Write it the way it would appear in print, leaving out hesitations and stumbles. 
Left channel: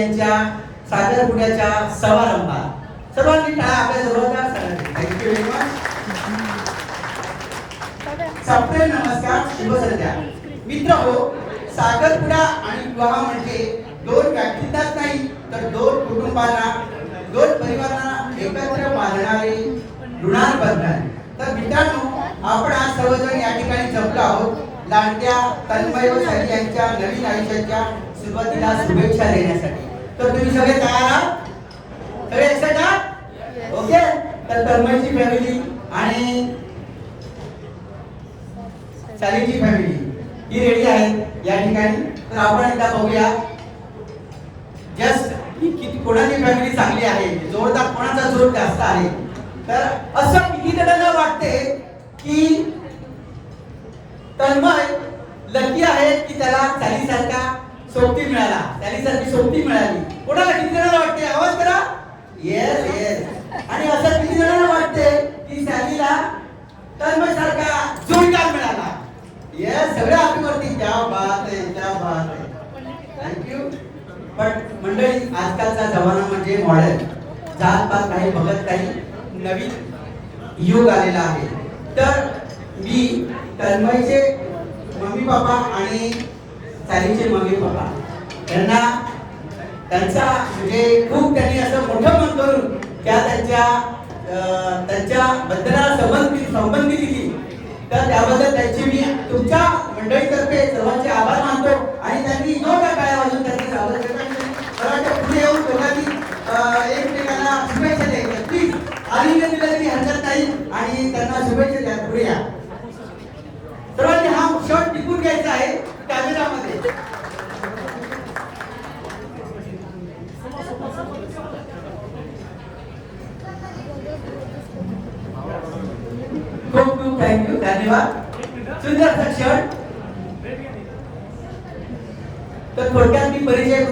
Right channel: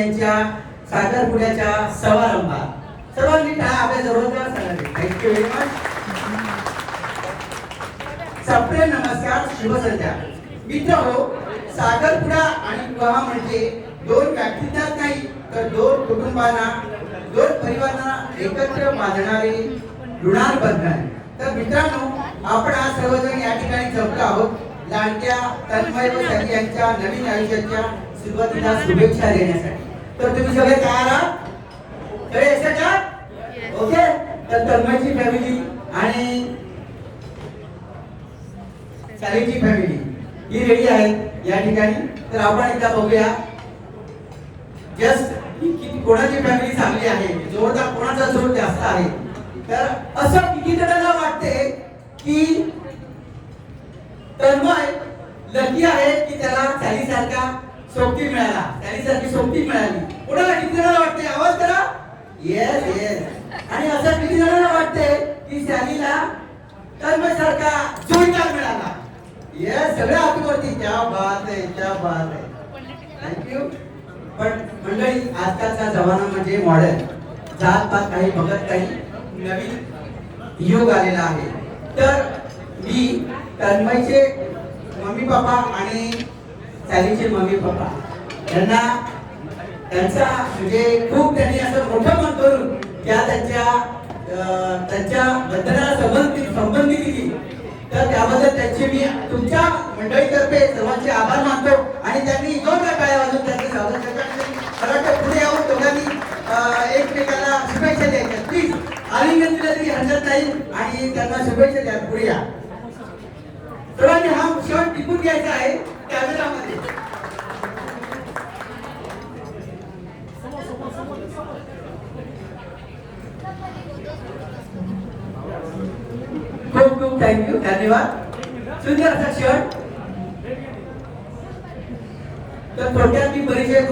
यांच्या साखरपुड्याच्या समारंभात सर्वांनी टाळ्या आपल्या जोरदार सांगावे. Thank you very much. सप्रेम नमस्कार, शुभ संध्या. मित्र हो, साखरपुडा आणि विवाह म्हणजे दोन व्यक्तींनाच नाही तर दोन कुटुंबांना, दोन परिवारांना एकत्र बांधणारे ऋणानुबंधन. तर मित्रांनो, आपण आज सर्वजण या ठिकाणी जमलो आहोत लाडक्या तन्मय व साई यांच्या नवीन आयुष्याच्या सुरुवातीला शुभेच्छा देण्यासाठी. तर तुम्ही सगळे तयार आहात? सगळे एक्साइटेड आहात? ओके. तर तन्मयची फॅमिली आणि साईची फॅमिली ही रेडी आहेत या ठिकाणी. तर आपण एकदा बघूया जस्ट किती कोणाची फॅमिली चांगली आहे, जोरदार कोणाचा जोर जास्त आहे. तर असं किती जणांना वाटते की तन्मय लकी आहे की त्याला साईसारखा सोबती मिळाला, साईसारखी सोबती मिळाली? कोणाला किती जणांना वाटते? आवाज करा. Yes yes. आणि असं किती जणांना वाटते की साईला तन्मय सारखा जोडीदार मिळाला? येस. सगळ्या हातीवरती. क्या बात आहे, क्या बात आहे. थँक्यू. पण मंडळी, आजकालचा जमाना म्हणजे मॉडर्न, जात पात काही बघत काही, नवीन युग आलेला आहे. तर मी तन्मयचे मम्मी पप्पा आणि साईचे मम्मी पप्पा यांना त्यांचा म्हणजे खूप त्यांनी असं मोठं मन करून त्यांच्या बद्दल संबंधी दिली. तर त्याबद्दल त्यांचे मी तुमच्या मंडळीतर्फे सर्वांचे आभार मानतो. आणि त्यांनी जोरदार टाळ्या वाजवून त्यांचे पुढे येऊन दोघांनी एकमेकांना शुभेच्छा द्यायच्या. प्लीज आलिंगन दिलं तरी हरकत नाही आणि त्यांना शुभेच्छा द्या. पुढे या सर्वांनी. हा शॉट टिपून घ्यायचा आहे कॅमेरामध्ये. खूप खूप थँक्यू, धन्यवाद. सुंदर असा शॉट. तर थोडक्यात मी परिचय